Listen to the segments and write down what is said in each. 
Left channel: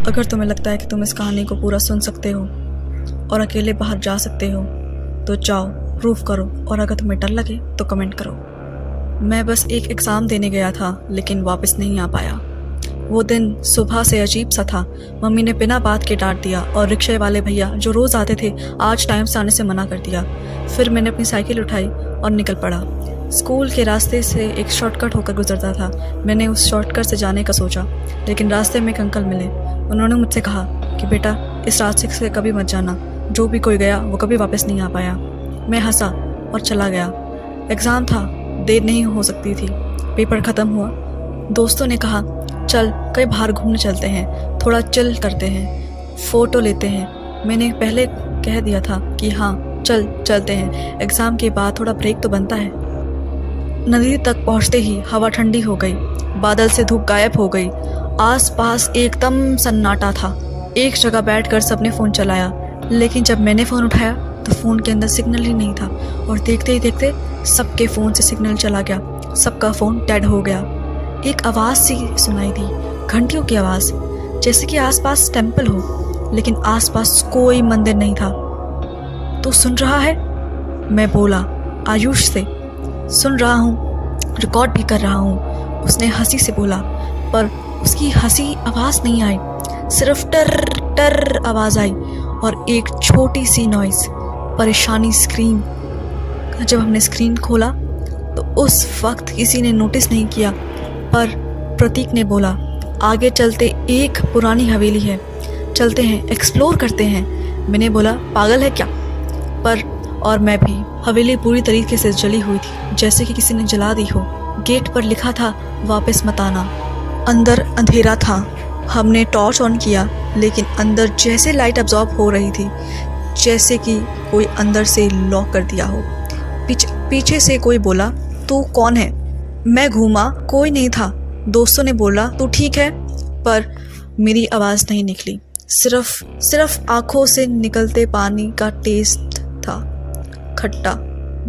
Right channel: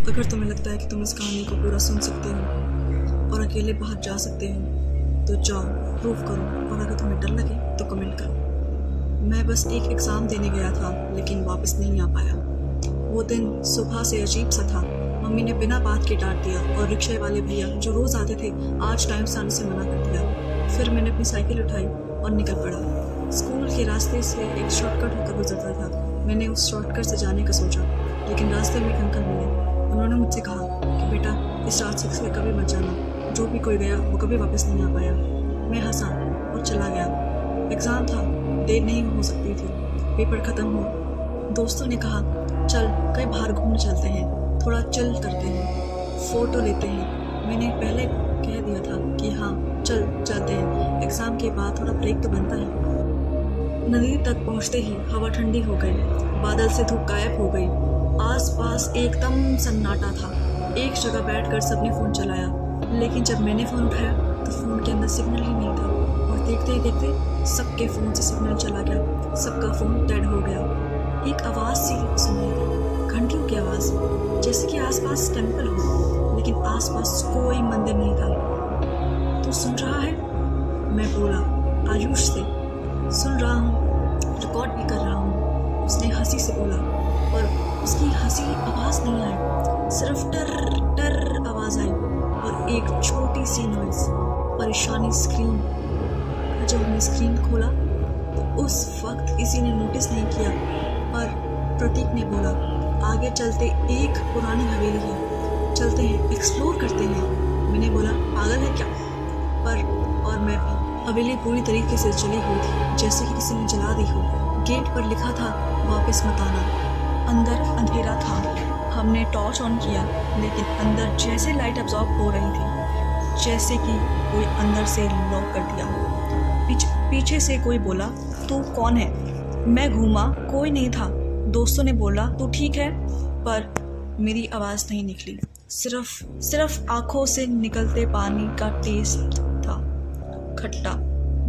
अगर तुम्हें लगता है कि तुम इस कहानी को पूरा सुन सकते हो और अकेले बाहर जा सकते हो तो जाओ, प्रूव करो। और अगर तुम्हें डर लगे तो कमेंट करो। मैं बस एक एग्ज़ाम देने गया था लेकिन वापस नहीं आ पाया। वो दिन सुबह से अजीब सा था। मम्मी ने बिना बात के डांट दिया और रिक्शे वाले भैया जो रोज़ आते थे आज टाइम से आने से मना कर दिया। फिर मैंने अपनी साइकिल उठाई और निकल पड़ा। स्कूल के रास्ते से एक शॉर्टकट होकर गुजरता था। मैंने उस शॉर्टकट से जाने का सोचा, लेकिन रास्ते में एक अंकल मिले। उन्होंने मुझसे कहा कि बेटा, इस रास्ते से कभी मत जाना, जो भी कोई गया वो कभी वापस नहीं आ पाया। मैं हंसा और चला गया। एग्ज़ाम था, देर नहीं हो सकती थी। पेपर ख़त्म हुआ। दोस्तों ने कहा चल कहीं बाहर घूमने चलते हैं, थोड़ा चिल करते हैं, फ़ोटो लेते हैं। मैंने पहले कह दिया था कि हाँ चलते हैं, एग्ज़ाम के बाद थोड़ा ब्रेक तो बनता है। नदी तक पहुंचते ही हवा ठंडी हो गई, बादल से धूप गायब हो गई, आसपास एकदम सन्नाटा था। एक जगह बैठकर सबने फ़ोन चलाया, लेकिन जब मैंने फ़ोन उठाया तो फ़ोन के अंदर सिग्नल ही नहीं था। और देखते ही देखते सबके फ़ोन से सिग्नल चला गया, सबका फ़ोन डेड हो गया। एक आवाज़ सी सुनाई दी, घंटियों की आवाज़, जैसे कि आसपास टेंपल हो, लेकिन आसपास कोई मंदिर नहीं था। तू सुन रहा है? मैं बोला आयुष से। सुन रहा हूँ, रिकॉर्ड भी कर रहा हूँ, उसने हंसी से बोला। पर उसकी हंसी आवाज़ नहीं आई, सिर्फ टर टर आवाज़ आई और एक छोटी सी नॉइज़। परेशानी स्क्रीन। जब हमने स्क्रीन खोला तो उस वक्त किसी ने नोटिस नहीं किया, पर प्रतीक ने बोला आगे चलते एक पुरानी हवेली है, चलते हैं, एक्सप्लोर करते हैं। मैंने बोला पागल है क्या? पर और मैं भी। हवेली पूरी तरीके से जली हुई थी, जैसे कि किसी ने जला दी हो। गेट पर लिखा था वापस मत आना। अंदर अंधेरा था। हमने टॉर्च ऑन किया, लेकिन अंदर जैसे लाइट अब्जॉर्ब हो रही थी, जैसे कि कोई अंदर से लॉक कर दिया हो। पीछे से कोई बोला तू कौन है? मैं घूमा, कोई नहीं था। दोस्तों ने बोला तू ठीक है, पर मेरी आवाज़ नहीं निकली। सिर्फ आँखों से निकलते पानी का टेस्ट था, खट्टा,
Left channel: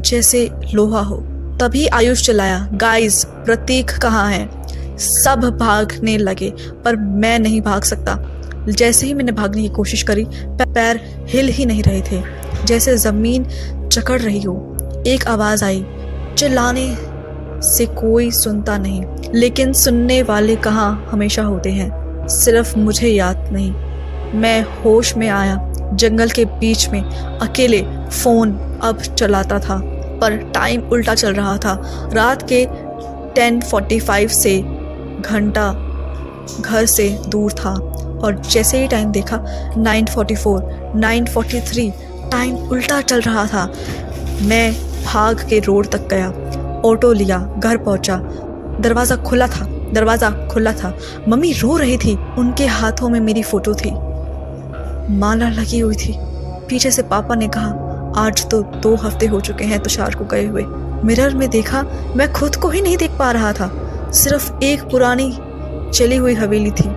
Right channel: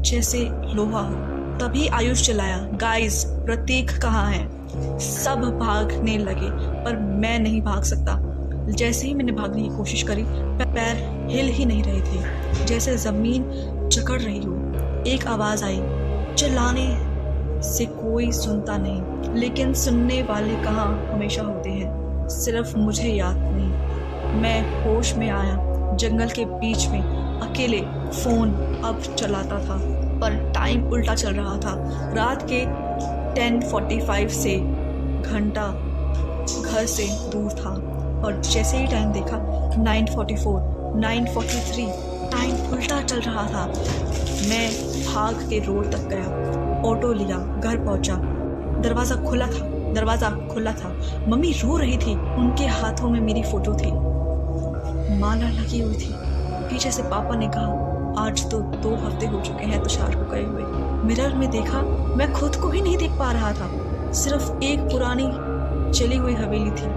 जैसे लोहा हो। तभी आयुष चिल्लाया गाइस, प्रतीक कहाँ है? सब भागने लगे, पर मैं नहीं भाग सकता। जैसे ही मैंने भागने की कोशिश करी, पैर हिल ही नहीं रहे थे, जैसे ज़मीन जकड़ रही हो। एक आवाज़ आई, चिल्लाने से कोई सुनता नहीं, लेकिन सुनने वाले कहाँ हमेशा होते हैं। सिर्फ मुझे याद नहीं। मैं होश में आया, जंगल के बीच में अकेले। फ़ोन अब चलाता था, पर टाइम उल्टा चल रहा था। रात के 10:45 से घंटा घर से दूर था, और जैसे ही टाइम देखा 9:44, 9:43, टाइम उल्टा चल रहा था। मैं भाग के रोड तक गया, ऑटो लिया, घर पहुंचा। दरवाज़ा खुला था। मम्मी रो रही थी, उनके हाथों में मेरी फ़ोटो थी, माला लगी हुई थी। पीछे से पापा ने कहा आज तो 2 हफ्ते हो चुके हैं तुषार को गए हुए। मिरर में देखा, मैं खुद को ही नहीं देख पा रहा था। सिर्फ एक पुरानी चली हुई हवेली थी,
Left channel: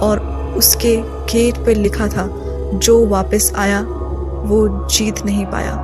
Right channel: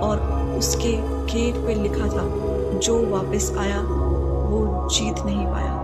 और उसके गेट पे लिखा था जो वापस आया वो जीत नहीं पाया।